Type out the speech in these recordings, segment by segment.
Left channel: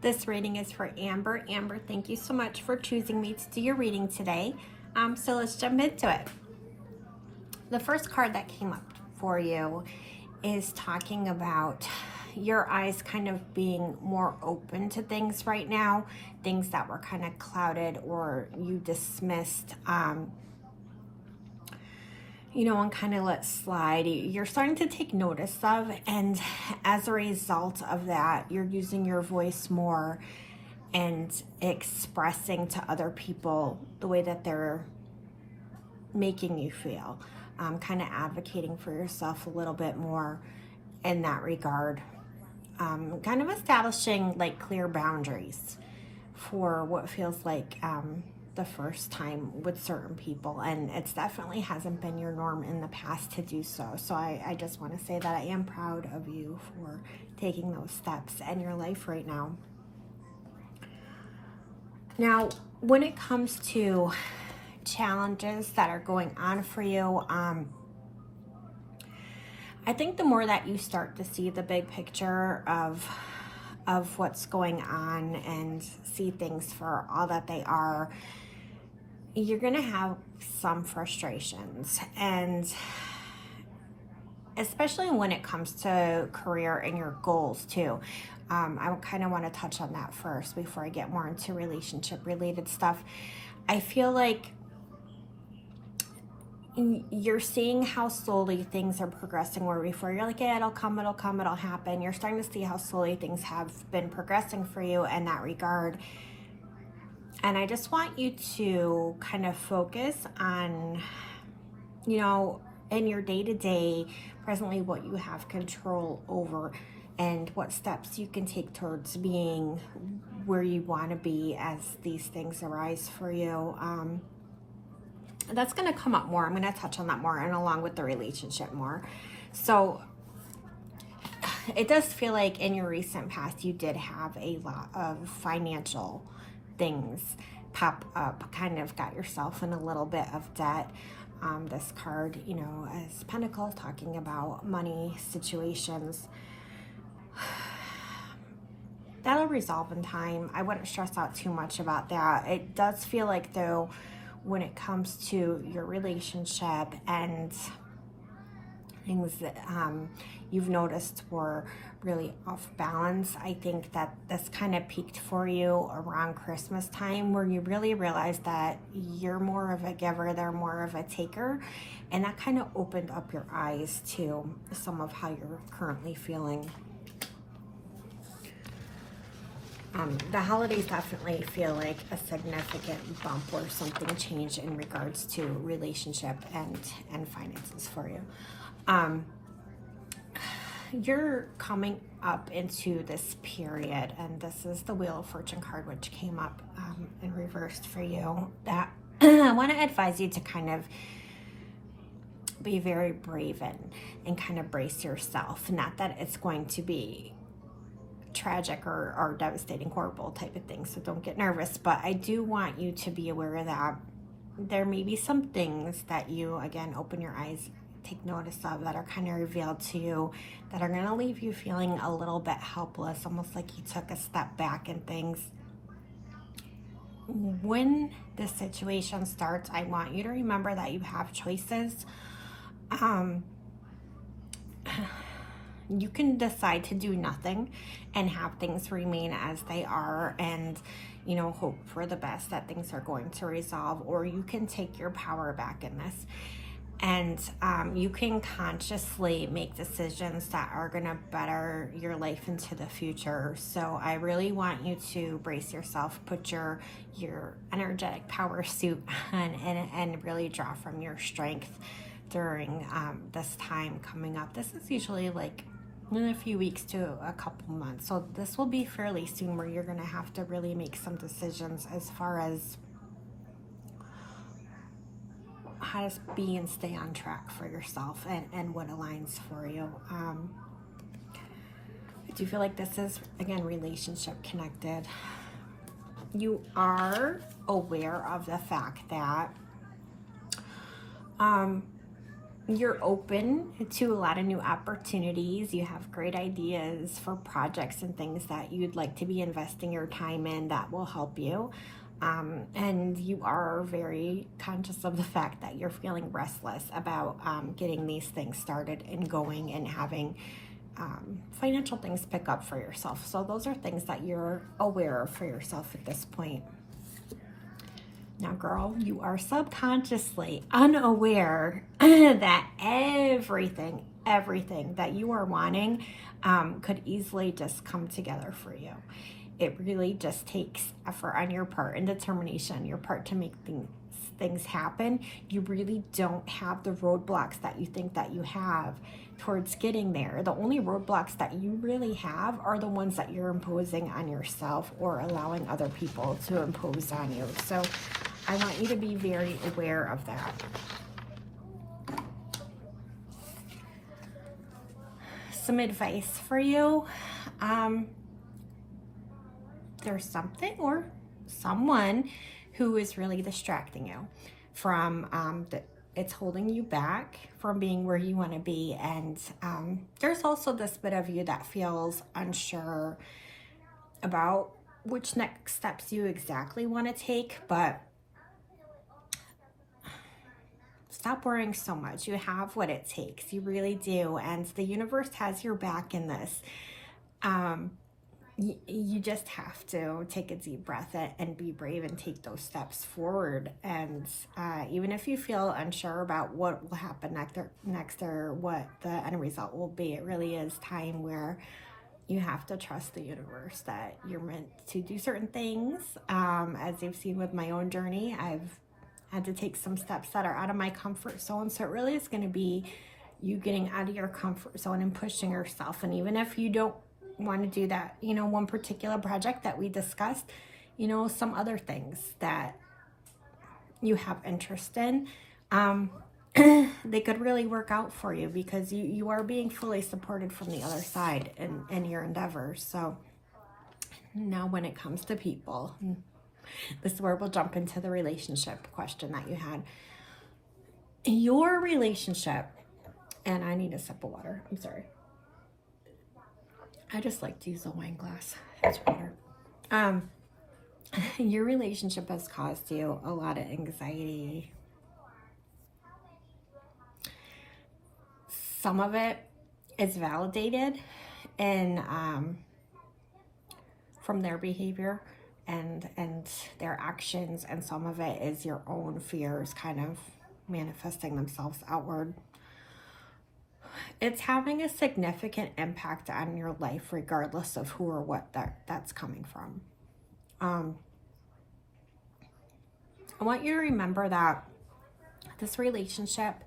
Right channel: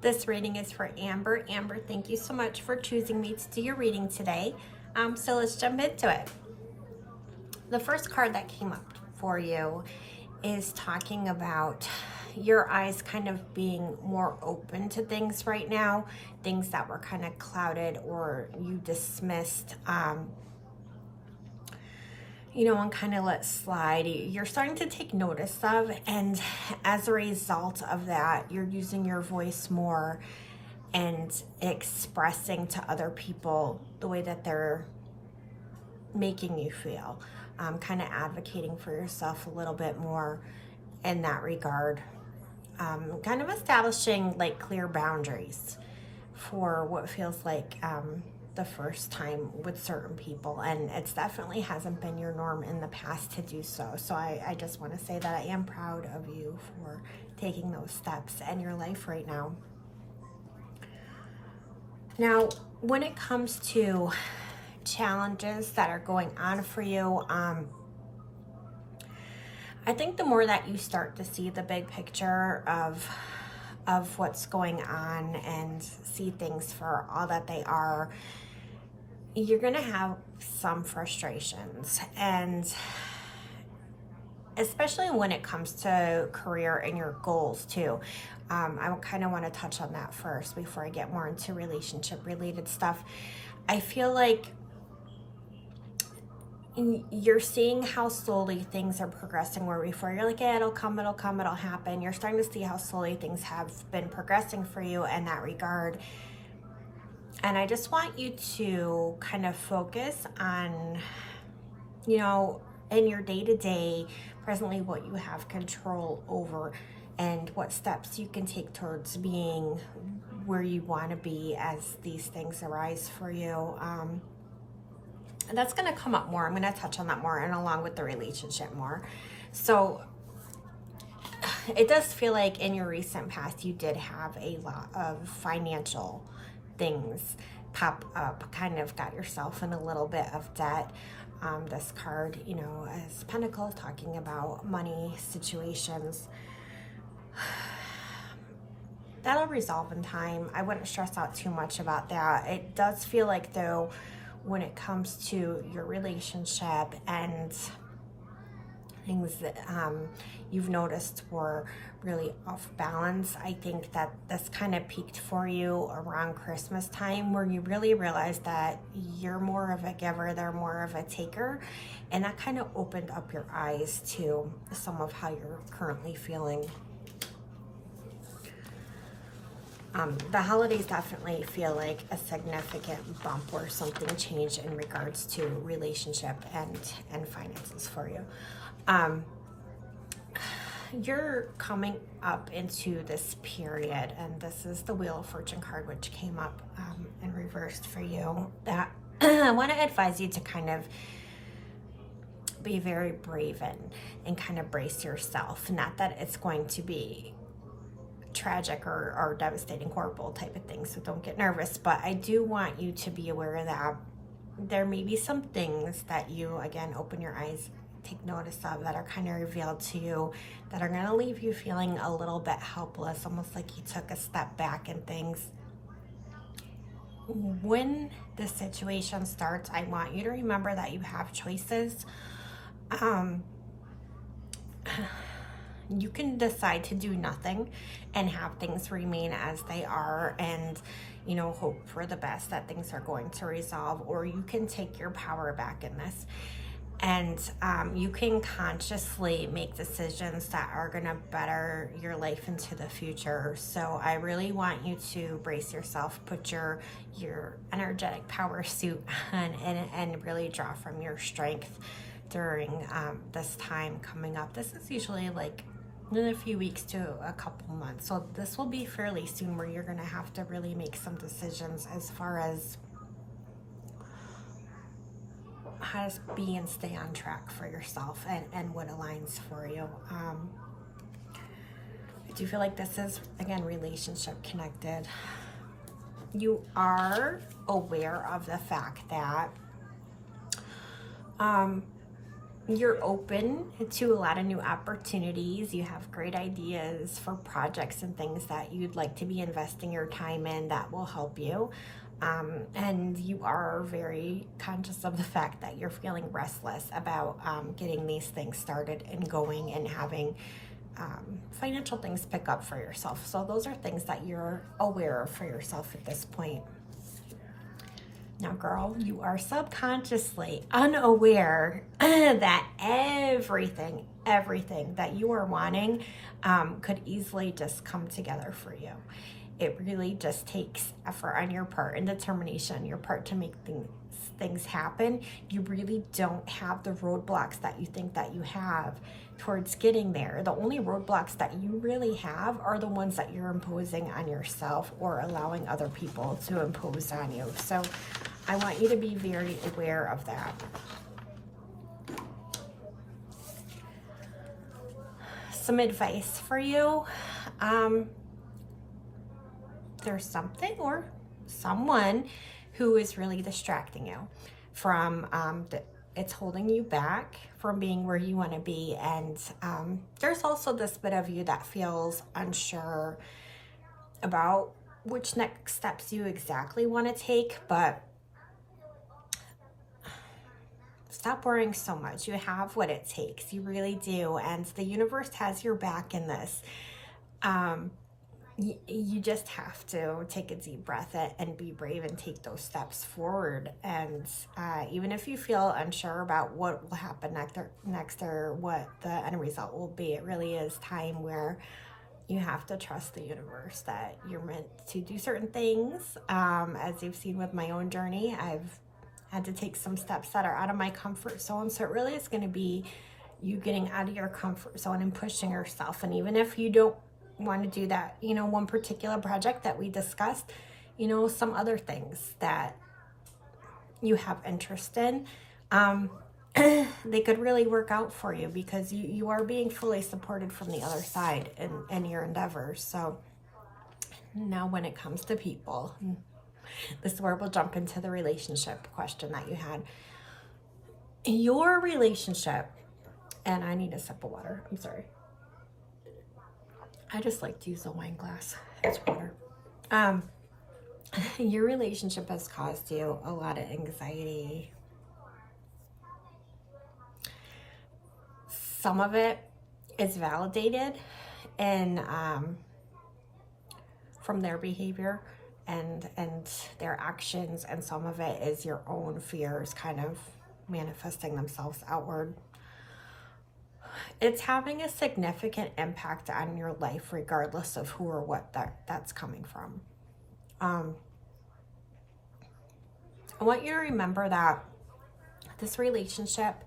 This reading is for Amber. Amber, thank you so much for choosing me to do your reading today. So let's jump into it. The first card that came up for you is talking about your eyes kind of being more open to things right now, things that were kind of clouded or you dismissed, and kind of let slide. You're starting to take notice of, and as a result of that, you're using your voice more and expressing to other people the way that they're making you feel, kind of advocating for yourself a little bit more in that regard, kind of establishing like clear boundaries for what feels like the first time with certain people, and it's definitely hasn't been your norm in the past to do so. So I just want to say that I am proud of you for taking those steps in your life right now. Now, when it comes to challenges that are going on for you, I think the more that you start to see the big picture of what's going on and see things for all that they are, you're gonna have some frustrations, and especially when it comes to career and your goals too. I kind of want to touch on that first before I get more into relationship related stuff. I feel like you're seeing how slowly things are progressing, where before you're like, yeah, it'll come, it'll happen. You're starting to see how slowly things have been progressing for you in that regard. And I just want you to kind of focus on, in your day-to-day, presently, what you have control over and what steps you can take towards being where you want to be as these things arise for you. And that's going to come up more. I'm going to touch on that more, and along with the relationship more. So it does feel like in your recent past, you did have a lot of financial things pop up, kind of got yourself in a little bit of debt. This card, as Pentacles, talking about money situations. That'll resolve in time. I wouldn't stress out too much about that. It does feel like, though, when it comes to your relationship and things that you've noticed were really off balance, I think that this kind of peaked for you around Christmas time, where you really realized that you're more of a giver, they're more of a taker, and that kind of opened up your eyes to some of how you're currently feeling. The holidays definitely feel like a significant bump or something changed in regards to relationship and finances for you. You're coming up into this period, and this is the Wheel of Fortune card, which came up in reversed for you, that I want to advise you to kind of be very brave and kind of brace yourself. Not that it's going to be tragic or devastating, horrible type of thing, so don't get nervous, but I do want you to be aware that there may be some things that you, again, open your eyes, take notice of, that are kind of revealed to you, that are going to leave you feeling a little bit helpless, almost like you took a step back in things. When this situation starts, I want you to remember that you have choices. You can decide to do nothing and have things remain as they are and, hope for the best that things are going to resolve, or you can take your power back in this. And you can consciously make decisions that are going to better your life into the future. So I really want you to brace yourself, put your energetic power suit on, and really draw from your strength during this time coming up. This is usually like in a few weeks to a couple months. So this will be fairly soon, where you're going to have to really make some decisions as far as how to be and stay on track for yourself and what aligns for you. I do feel like this is, again, relationship connected. You are aware of the fact that you're open to a lot of new opportunities. You have great ideas for projects and things that you'd like to be investing your time in that will help you. And you are very conscious of the fact that you're feeling restless about getting these things started and going and having financial things pick up for yourself. So those are things that you're aware of for yourself at this point. Now, girl, you are subconsciously unaware that everything that you are wanting could easily just come together for you. It really just takes effort on your part and determination on your part to make things happen. You really don't have the roadblocks that you think that you have towards getting there. The only roadblocks that you really have are the ones that you're imposing on yourself or allowing other people to impose on you. So I want you to be very aware of that. Some advice for you. There's something or someone who is really distracting you from, it's holding you back from being where you want to be. And there's also this bit of you that feels unsure about which next steps you exactly want to take, but stop worrying so much. You have what it takes. You really do. And the universe has your back in this. You just have to take a deep breath and be brave and take those steps forward. And even if you feel unsure about what will happen next or what the end result will be, it really is time where you have to trust the universe that you're meant to do certain things. As you've seen with my own journey, I've had to take some steps that are out of my comfort zone. So it really is going to be you getting out of your comfort zone and pushing yourself. And even if you don't want to do that, one particular project that we discussed, some other things that you have interest in, they could really work out for you because you are being fully supported from the other side in your endeavors. So now when it comes to people, this is where we'll jump into the relationship question that you had. Your relationship, and I need a sip of water, I'm sorry. I just like to use a wine glass. It's water. Your relationship has caused you a lot of anxiety. Some of it is validated and from their behavior and their actions, and some of it is your own fears kind of manifesting themselves outward. It's having a significant impact on your life regardless of who or what that's coming from. I want you to remember that this relationship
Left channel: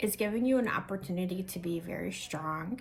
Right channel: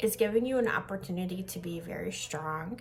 is giving you an opportunity to be very strong.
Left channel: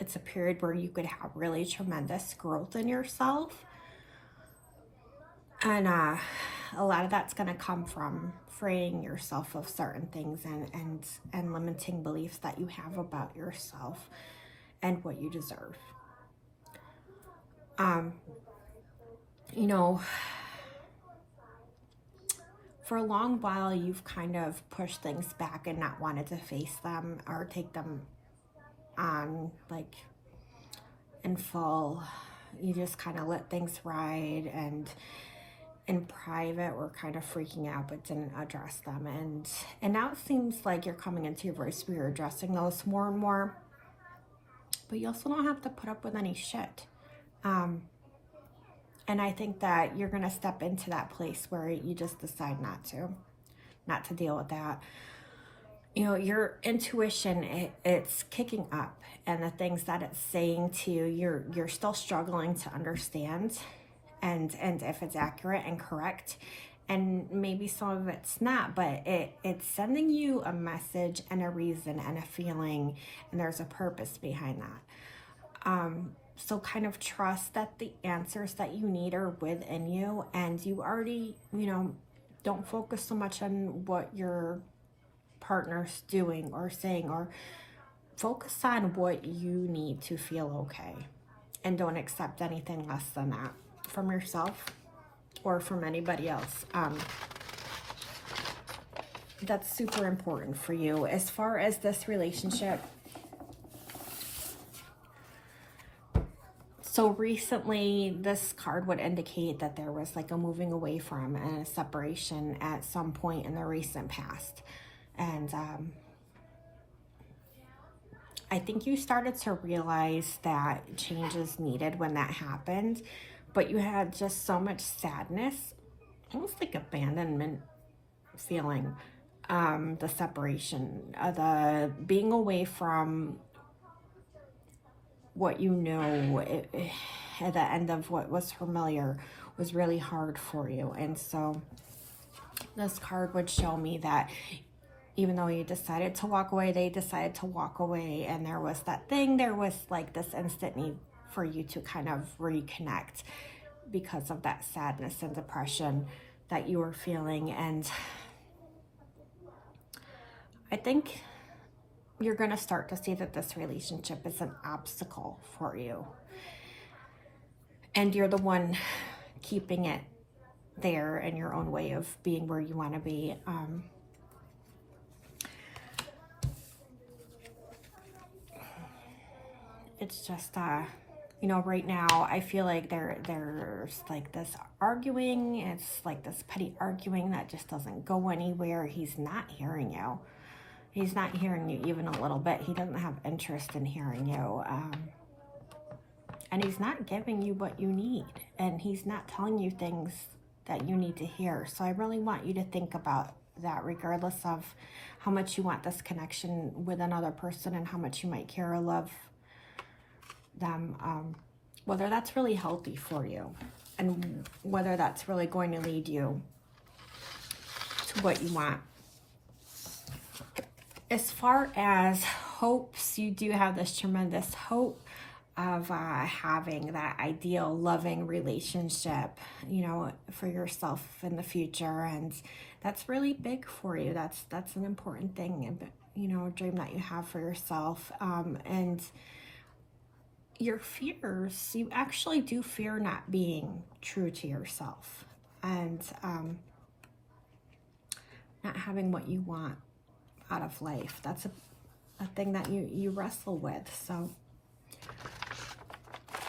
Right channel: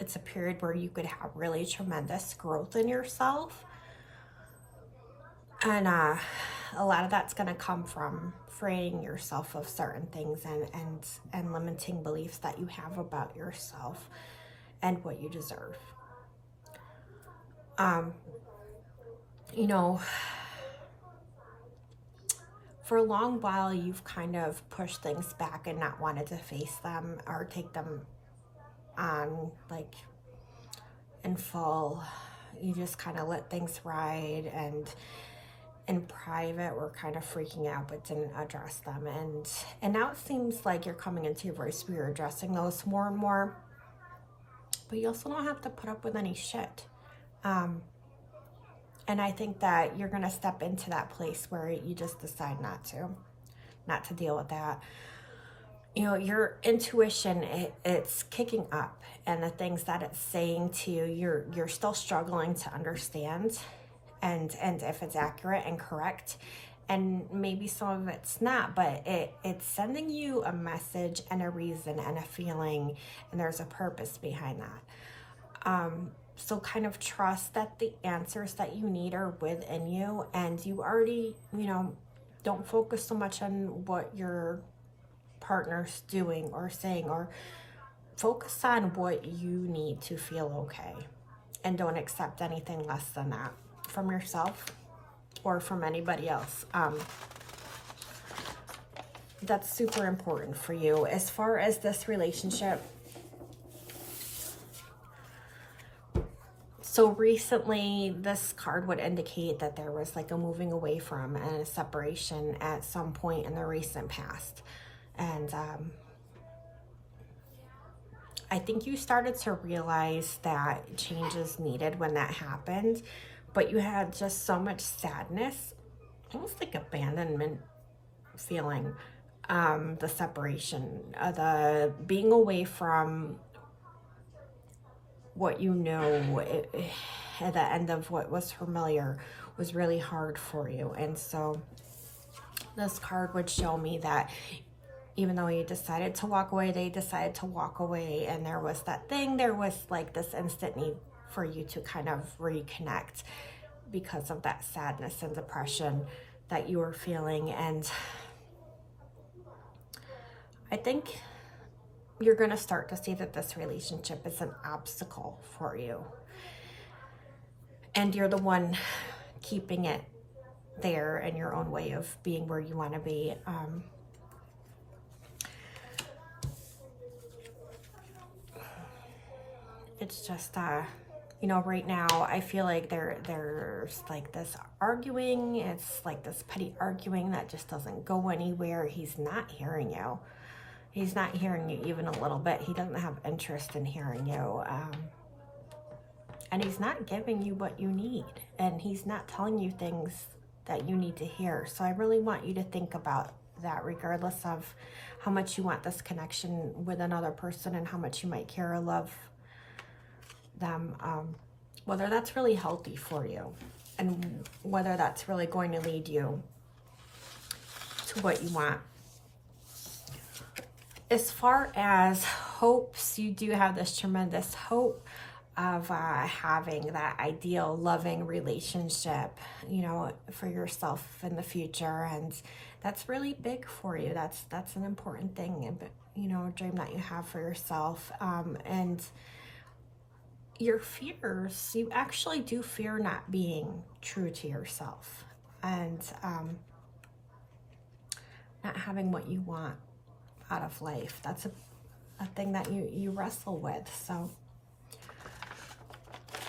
It's a period where you could have really tremendous growth in yourself. And a lot of that's going to come from freeing yourself of certain things and limiting beliefs that you have about yourself and what you deserve. For a long while, you've kind of pushed things back and not wanted to face them or take them on in full. You just kind of let things ride, and in private we're kind of freaking out but didn't address them, and now it seems like you're coming into your voice where you're addressing those more and more, but you also don't have to put up with any shit. And I think that you're going to step into that place where you just decide not to deal with that. Your intuition, it's kicking up, and the things that it's saying to you, you're still struggling to understand and if it's accurate and correct. And maybe some of it's not, but it's sending you a message and a reason and a feeling, and there's a purpose behind that. So kind of trust that the answers that you need are within you, and you already, don't focus so much on what your partner's doing or saying, or focus on what you need to feel okay, and don't accept anything less than that from yourself or from anybody else. that's super important for you. As far as this relationship, so recently this card would indicate that there was like a moving away from and a separation at some point in the recent past. And I think you started to realize that change is needed when that happened, but you had just so much sadness, almost like abandonment feeling, the separation, the being away from what you know at the end of what was familiar was really hard for you. And so this card would show me that even though you decided to walk away, they decided to walk away, and there was that thing, there was like this instant need for you to kind of reconnect because of that sadness and depression that you were feeling. And I think you're going to start to see that this relationship is an obstacle for you, and you're the one keeping it there in your own way of being where you want to be. It's just you know, right now I feel like there's like this arguing. It's like this petty arguing that just doesn't go anywhere. He's not hearing you. He's not hearing you even a little bit. He doesn't have interest in hearing you. And he's not giving you what you need. And he's not telling you things that you need to hear. So I really want you to think about that, regardless of how much you want this connection with another person and how much you might care or love them, whether that's really healthy for you and whether that's really going to lead you to what you want. As far as hopes, you do have this tremendous hope of having that ideal loving relationship, you know, for yourself in the future. And that's really big for you. That's an important thing, you know, a dream that you have for yourself. And your fears, you actually do fear not being true to yourself and not having what you want out of life. That's a thing that you wrestle with. So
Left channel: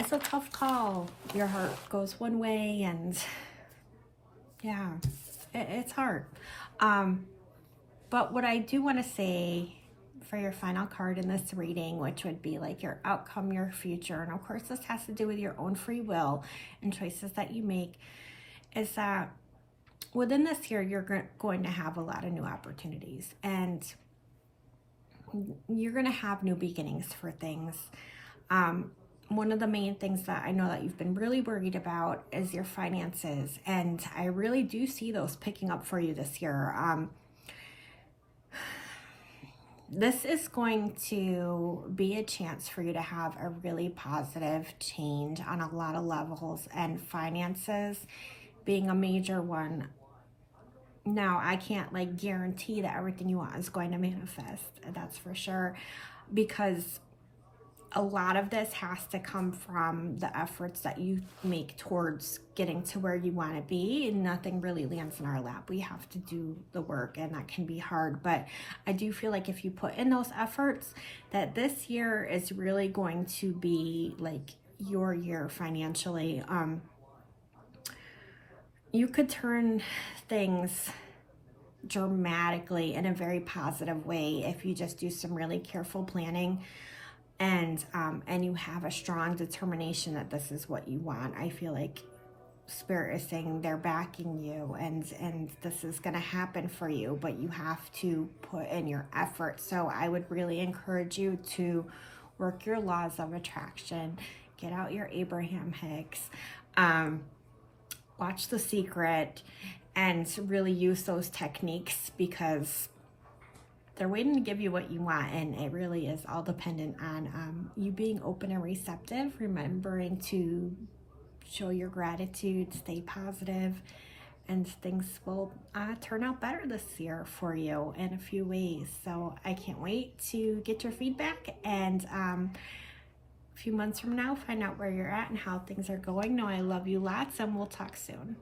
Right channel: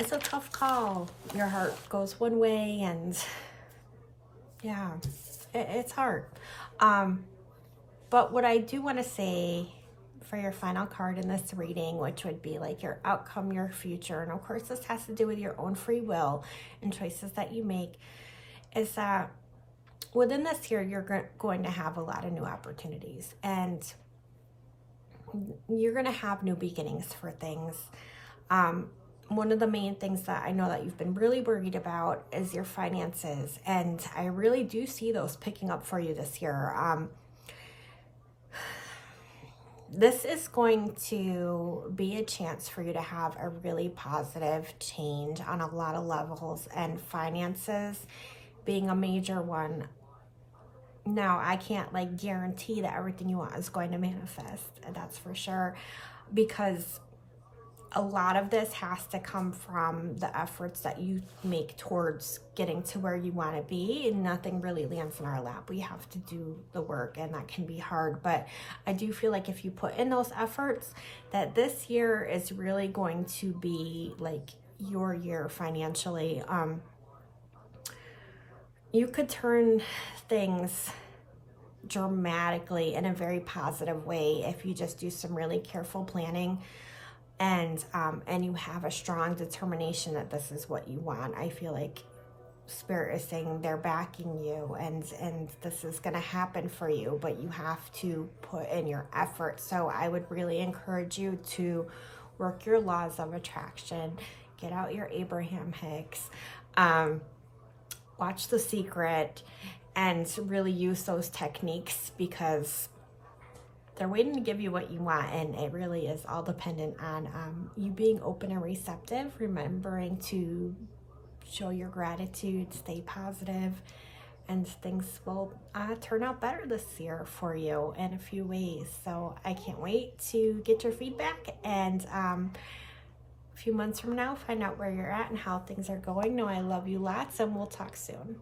it's a tough call. Your heart goes one way, and yeah, it's hard. But what I do want to say for your final card in this reading, which would be like your outcome, your future, and of course this has to do with your own free will and choices that you make, is that within this year you're going to have a lot of new opportunities, and you're going to have new beginnings for things. One of the main things that I know that you've been really worried about is your finances, and I really do see those picking up for you this year. This is going to be a chance for you to have a really positive change on a lot of levels, and finances being a major one. Now, I can't like guarantee that everything you want is going to manifest, that's for sure, because a lot of this has to come from the efforts that you make towards getting to where you want to be, and nothing really lands in our lap. We have to do the work, and that can be hard. But I do feel like if you put in those efforts, that this year is really going to be like your year financially. You could turn things dramatically in a very positive way if you just do some really careful planning, and you have a strong determination that this is what you want. I feel like Spirit is saying they're backing you, and this is going to happen for you, but you have to put in your effort. So I would really encourage you to work your laws of attraction, get out your Abraham Hicks, watch The Secret, and really use those techniques, because they're waiting to give you what you want, and it really is all dependent on you being open and receptive, remembering to show your gratitude, stay positive, and things will turn out better this year for you in a few ways. So I can't wait to get your feedback, and a few months from now, find out where you're at and how things are going. No, I love you lots, and we'll talk soon.